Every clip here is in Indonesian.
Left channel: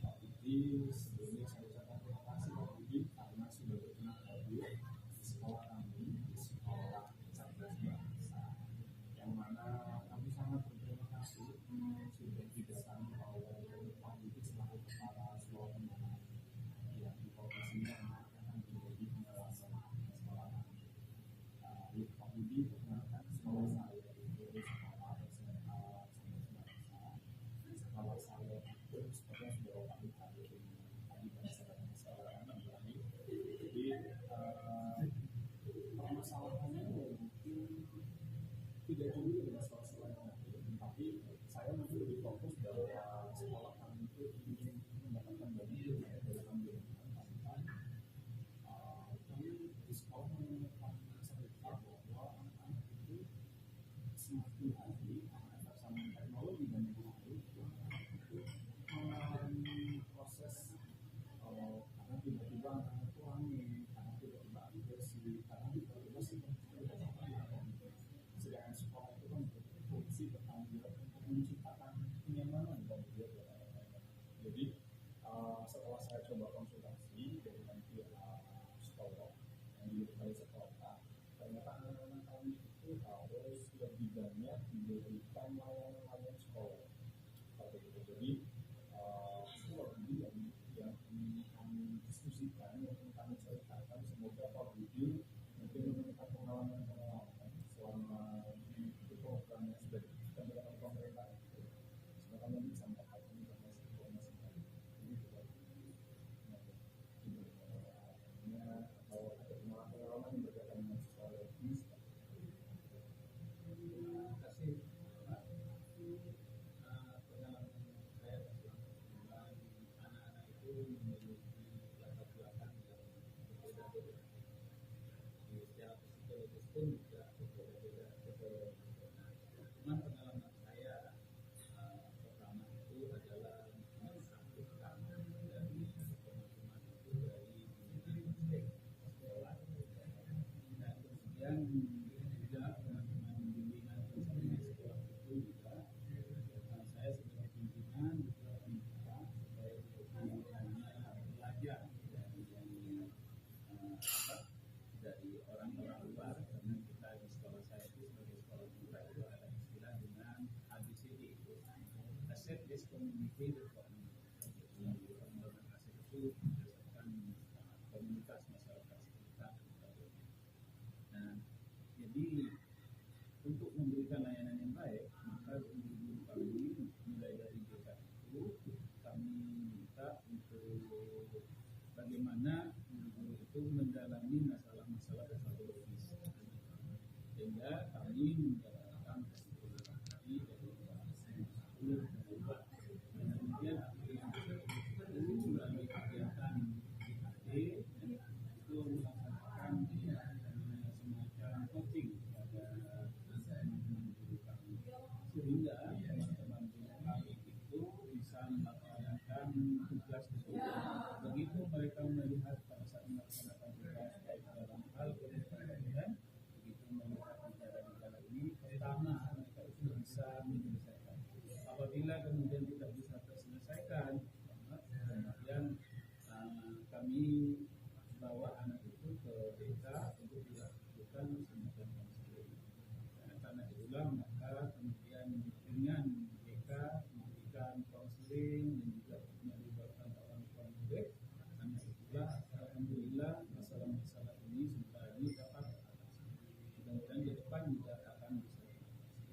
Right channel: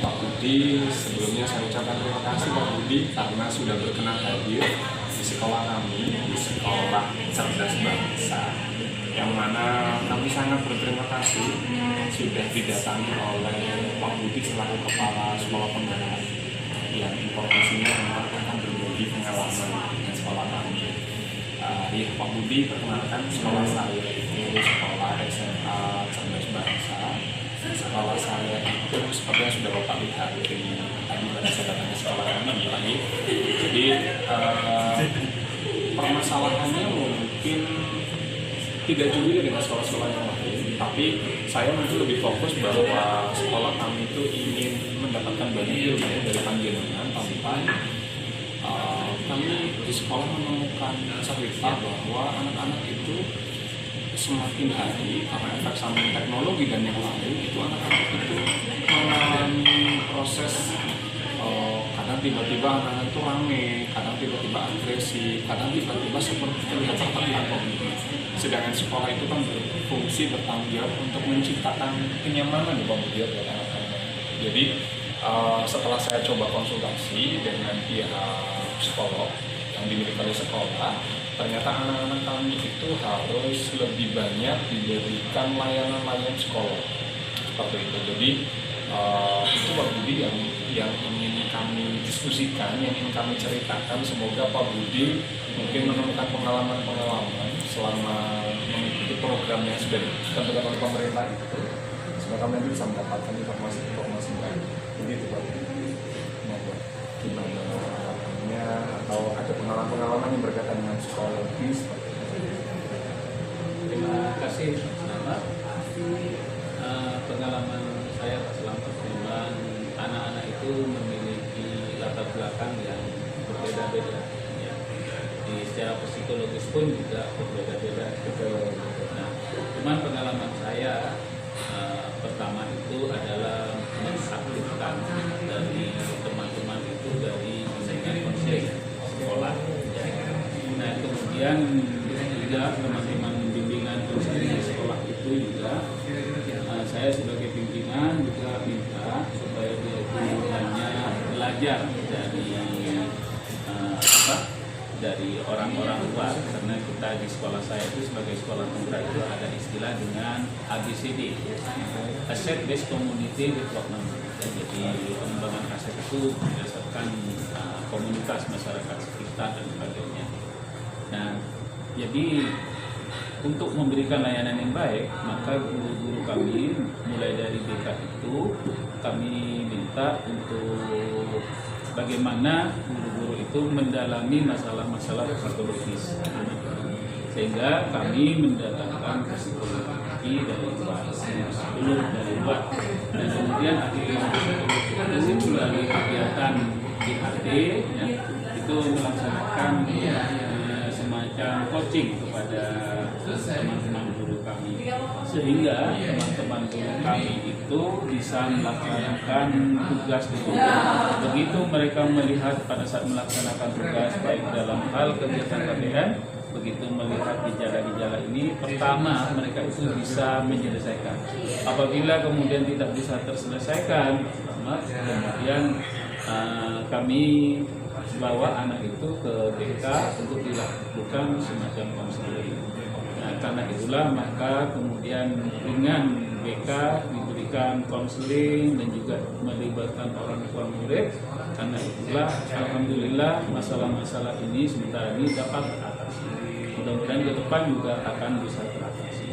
Pak Budi, sebelumnya saya ucapkan terima kasih Pak Budi karena sudah berkenan hadir di sekolah kami, di sekolah Cerdas Bangsa, yang mana kami sangat berterima kasih sudah didatangi oleh Pak Budi selaku Kepala Sekolah Penggerak yang informasinya memang akan berbagi pengalaman dengan sekolah kami. Ya, Pak Budi, perkenalkan, sekolah saya itu sekolah SMA Cerdas Bangsa. Sekolah saya itu seperti yang sudah Bapak lihat di tadi pada saya datang ke sekolah kami lagi. Jadi permasalahannya mungkin tidak juga dengan sekolah-sekolah yang lain, tapi saya mungkin lebih fokus bahwa sekolah kami itu ingin mendapatkan banyak ilmu dari panjenengan tanpa kami di sekolah menemukan cerita bahwa anak-anak itu semakin hari karena efek samping teknologi dan yang lain itu anak-anak itu mengalami proses kadang tiba-tiba anak-anak itu rame, kadang tiba-tiba agresif, kadang tiba-tiba seperti terlihat tertekan. Sedangkan sekolah itu kan berfungsi bertanggung jawab untuk menciptakan kenyamanan buat anak-anak. Jadi setelah saya coba konsultasi dengan pihak psikolog yang dimiliki oleh sekolah, ternyata anak-anak kami itu harus lebih banyak diberikan layanan psikolog seperti itu. Jadi itu Pak Budi yang ingin kami diskusikan, yang ingin kami ceritakan. Semoga Pak Budi mungkin menemukan pengalaman-pengalaman selama mengikuti program yang sudah ditentukan oleh pemerintah itu. Semoga kami nanti bisa mendapatkan informasi-informasi baik. Begitu Pak Budi. Gimana harapannya, atau ada pengalaman-pengalaman yang berkaitan dengan psikologi seperti itu? Terima kasih Pak Selamat. Pengalaman saya Pak Selamat memang anak-anak itu memiliki latar belakang yang berbeda-beda. Ya. Di secara psikologis pun juga berbeda-beda. Nah, cuman pengalaman saya pertama itu adalah mensaktifkan dari teman-teman itu dari bimbingan konseling sekolah. Ya. Nah, kemudian juga teman-teman bimbingan konseling sekolah itu juga saya sebagai pimpinan juga minta supaya dia itu hanya belajar dari orang-orang luar, karena kita di sekolah saya itu sebagai sekolah penggerak itu ada istilah dengan ABCD, Asset Based Community Development. Jadi pengembangan aset itu berdasarkan komunitas masyarakat sekitar dan sebagainya. Nah, jadi untuk memberikan layanan yang baik, maka guru-guru kami mulai dari BK itu kami minta untuk bagaimana guru-guru itu mendalami masalah-masalah psikologis, sehingga kami mendatangkan psikologi dari luar, psikolog dari luar, dan kemudian aktivitas psikologi itu melalui kegiatan IHD ya, itu melaksanakan semacam coaching kepada teman-teman guru kami, sehingga teman-teman guru kami itu bisa melaksanakan tugas di rumah. Begitu mereka melihat pada saat melaksanakan tugas baik dalam hal kegiatan KBN, begitu melihat gejala-gejala ini, pertama mereka itu bisa menyelesaikan. Apabila kemudian tidak bisa terselesaikan, kemudian kami bawa anak itu ke BK untuk dilakukan semacam konseling. Nah, karena itulah maka kemudian dengan BK diberikan konseling dan juga melibatkan orang tua murid. Karena itulah alhamdulillah masalah-masalah ini sementara ini dapat teratasi. Mudah-mudahan ke depan juga akan bisa teratasi.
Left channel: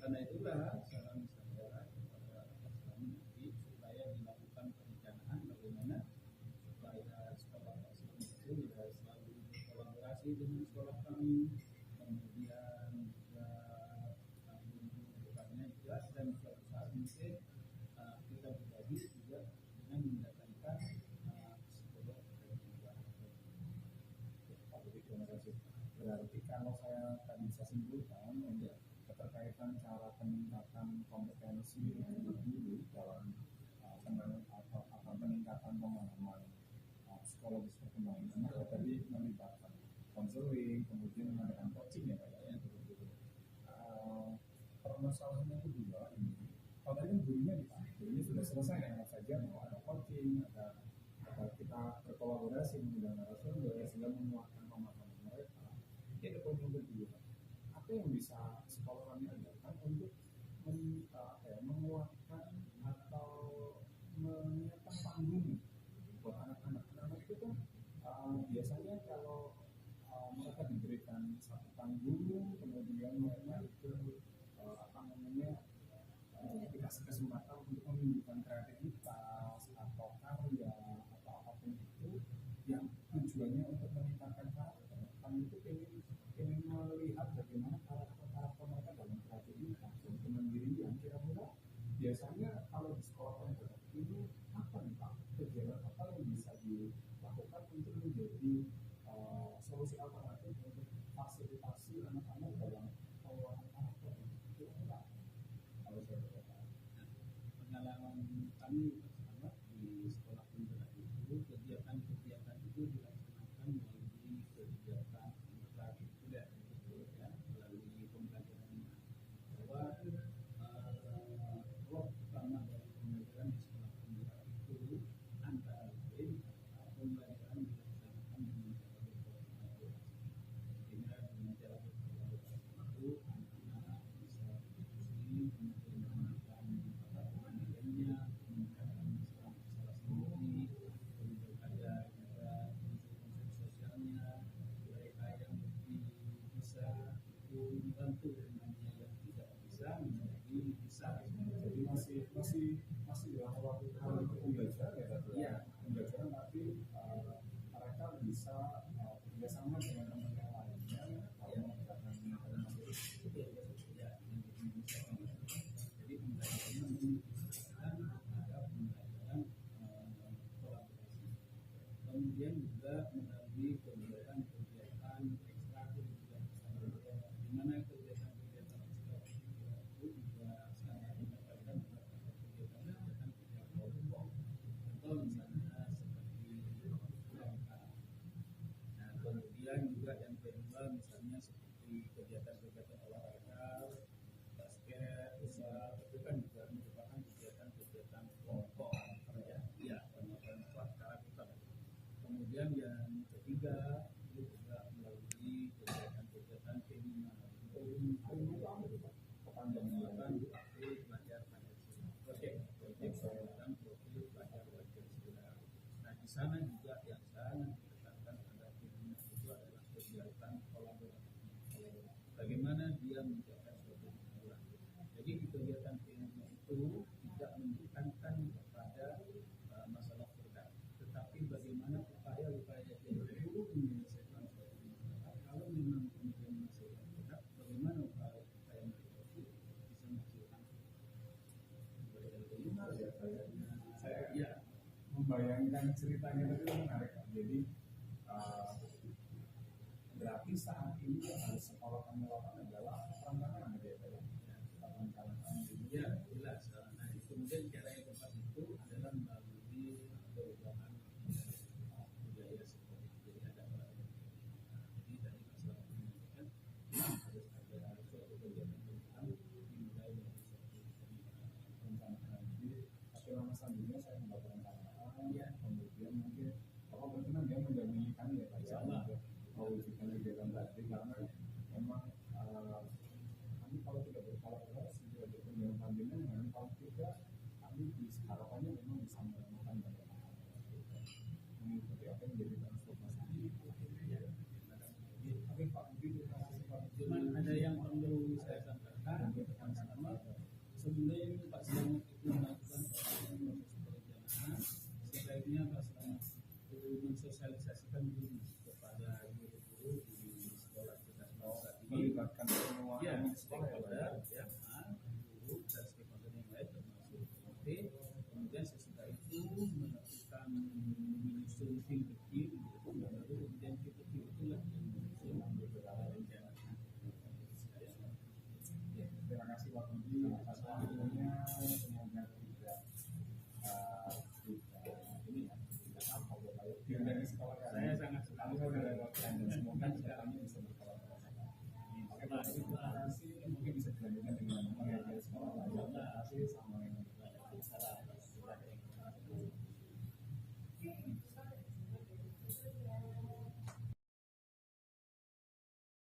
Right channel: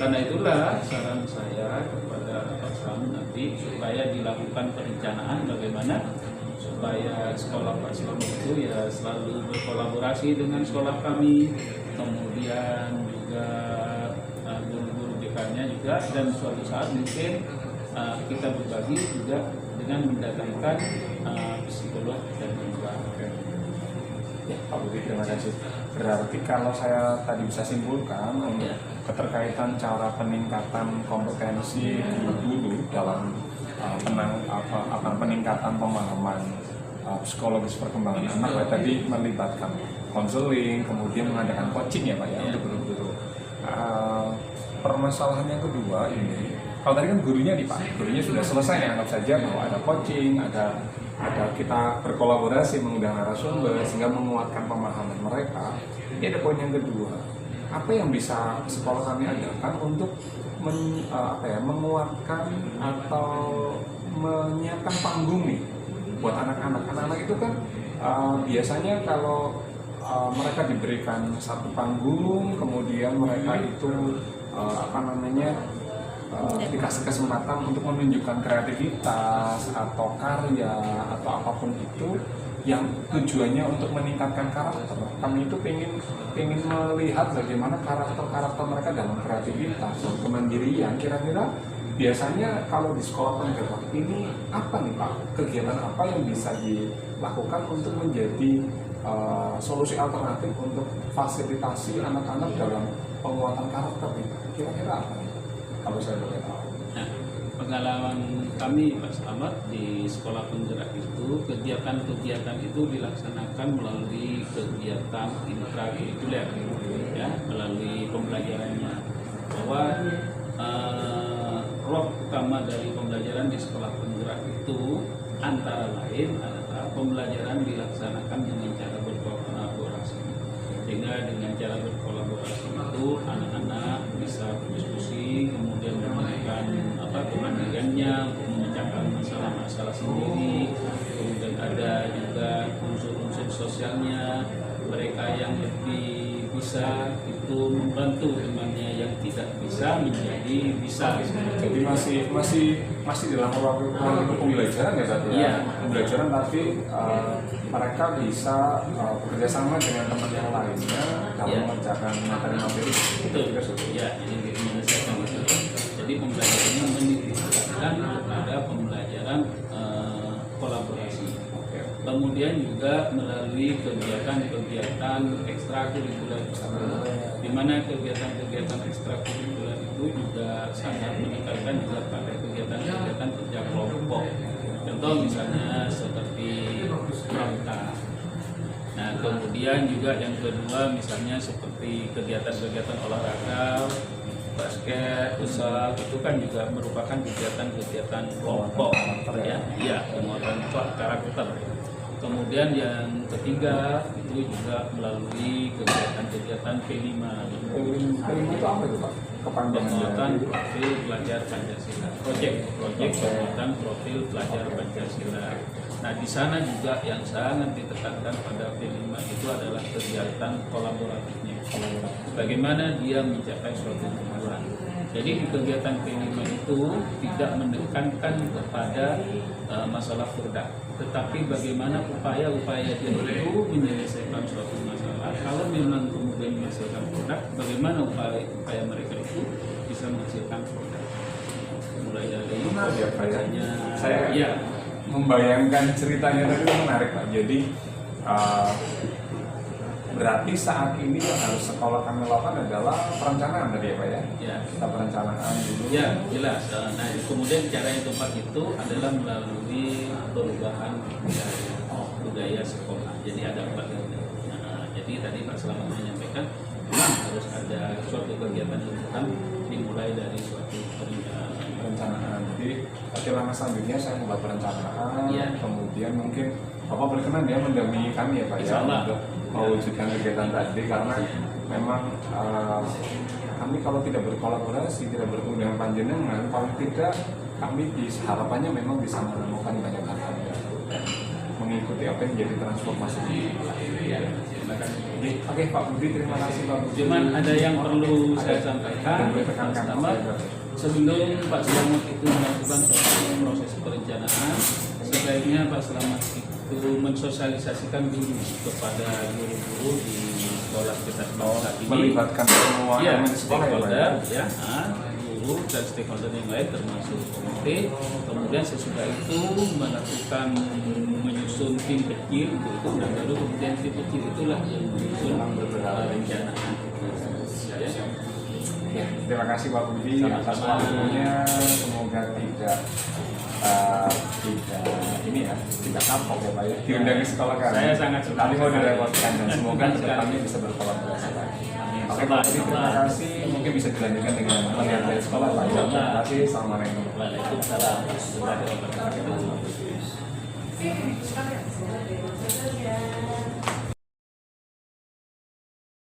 Karena itulah saran saya kepada Pak Slamet nanti supaya dilakukan perencanaan bagaimana supaya sekolah Pak Slamet itu ya selalu berkolaborasi dengan sekolah kami, kemudian juga guru-guru BK-nya juga, dan suatu saat mungkin kita berbagi juga dengan mendatangkan psikolog dan juga. Ya, Pak Budi, terima kasih. Berarti kalau saya tadi bisa simpulkan untuk keterkaitan cara peningkatan kompetensi guru dalam peningkatan pemahaman psikologis perkembangan anak, tadi melibatkan konseling, kemudian mengadakan coaching ya Pak ya, untuk guru-guru. Permasalahan yang kedua ini kalau tadi kan gurunya nih Pak, gurunya sudah selesai ya, anggap saja bahwa ada coaching, ada kita berkolaborasi mengundang narasumber sehingga menguatkan pemahaman mereka. Ini ada poin yang kedua, apa yang bisa sekolah kami adakan untuk menguatkan atau menyiapkan panggung nih buat anak-anak. Anak-anak itu kan biasanya kalau mereka diberikan satu panggung, kemudian mereka itu dikasih kesempatan untuk menunjukkan kreativitas atau karya atau apapun itu yang tujuannya untuk meningkatkan karakter. Kami itu pengen melihat bagaimana karakter mereka dalam kreativitas dan kemandirian. Kira-kira biasanya kalau di sekolah penggerak ini apa nih Pak, kegiatan apa yang bisa dilakukan untuk menjadi solusi alternatif untuk fasilitasi anak-anak dalam penguatan karakter ini? Kira-kira apa nih? Kalau saya boleh tahu. Nah, pengalaman kami Pak Slamet di sekolah penggerak itu, kegiatan-kegiatan itu dilaksanakan melalui kegiatan intrakurikuler, ya, melalui pembelajarannya. Bahwa roh utama dari pembelajaran di sekolah penggerak itu antara lain adalah pembelajaran dilaksanakan dengan cara berkolaborasi. Sehingga dengan cara berkolaborasi itu anak-anak bisa berdiskusi, kemudian menemukan kemandiriannya untuk memecahkan masalah-masalah sendiri. Kemudian ada juga unsur-unsur sosialnya, mereka yang lebih bisa itu membantu temannya yang tidak bisa menjadi bisa. Jadi masih dalam ruang pembelajaran ya tadi ya. Pembelajaran tapi mereka bisa bekerja sama dengan teman yang lainnya dalam mengerjakan materi-materi. Betul. Ya, ini menyelesaikan itu. Jadi pembelajarannya menitikkan kepada pembelajaran kolaborasi. Kemudian juga melalui kegiatan-kegiatan ekstrakurikuler, di mana kegiatan-kegiatan ekstrakurikuler itu juga sangat meningkatkan juga pada kegiatan-kegiatan kerja kelompok. Contoh misalnya seperti pramuka. Nah, kemudian juga yang kedua misalnya seperti kegiatan-kegiatan olahraga, basket, futsal, itu kan juga merupakan kegiatan-kegiatan kelompok, ya, penguatan karakter. Kemudian yang ketiga itu juga melalui kegiatan-kegiatan P5. P5 itu apa itu Pak? Penguatan profil pelajar Pancasila. Proyek penguatan profil pelajar Pancasila. Nah, di sana juga yang sangat ditekankan pada P5 itu adalah kegiatan kolaboratifnya. Bagaimana dia mencapai suatu tujuan. Jadi di kegiatan P5 itu tidak menekankan kepada masalah produk, tetapi bagaimana upaya-upaya dia itu menyelesaikan suatu masalah. Kalau memang kemudian menghasilkan produk, bagaimana upaya mereka itu bisa menghasilkan produk. Mulai dari saya membayangkan ceritanya tadi itu menarik Pak. Jadi berarti saat ini yang harus sekolah kami lakukan adalah perencanaan tadi ya Pak ya? Ya. Kita perencanaan dulu. Ya, jelas. Nah, kemudian cara yang tepat itu adalah melalui perubahan budaya sekolah. Jadi ada 4 jadi tadi Pak Slamet menyampaikan memang harus ada suatu kegiatan yang dimulai dari suatu perencanaan. Jadi langkah selanjutnya saya membuat perencanaan, kemudian mungkin Bapak berkenan ya mendampingi kami ya Pak ya untuk mewujudkan kegiatan tadi, karena memang kami kalau tidak berkolaborasi, tidak bertemu dengan panjenengan, paling tidak kami harapannya memang bisa menemukan banyak hal dan mengikuti apa yang jadi transformasi ya. Oke Pak Budi, terima kasih Pak Budi. Cuman ada yang perlu saya sampaikan, sebelum Pak Slamet itu melakukan proses perencanaan, sebaiknya Pak Slamet itu mensosialisasikan dulu kepada guru-guru di sekolah kita saat ini, melibatkan semua stakeholder, guru dan stakeholder yang lain termasuk komite. Kemudian sesudah itu melakukan menyusun tim kecil itu, dan baru kemudian tim kecil itulah yang menyusun rencana. Ya, terima kasih Pak Budi atas waktunya. Semoga tidak kapok ya Pak ya, diundang ke sekolah kami. Saya sangat suka. Tapi mau direpotkan dan semoga kedepannya bisa berkolaborasi lagi. Oke Pak Budi, terima kasih. Mungkin bisa dilanjutkan dengan melihat dari sekolah Pak. kasih. Assalamualaikum. Waalaikumsalam warahmatullahi wabarakatuh.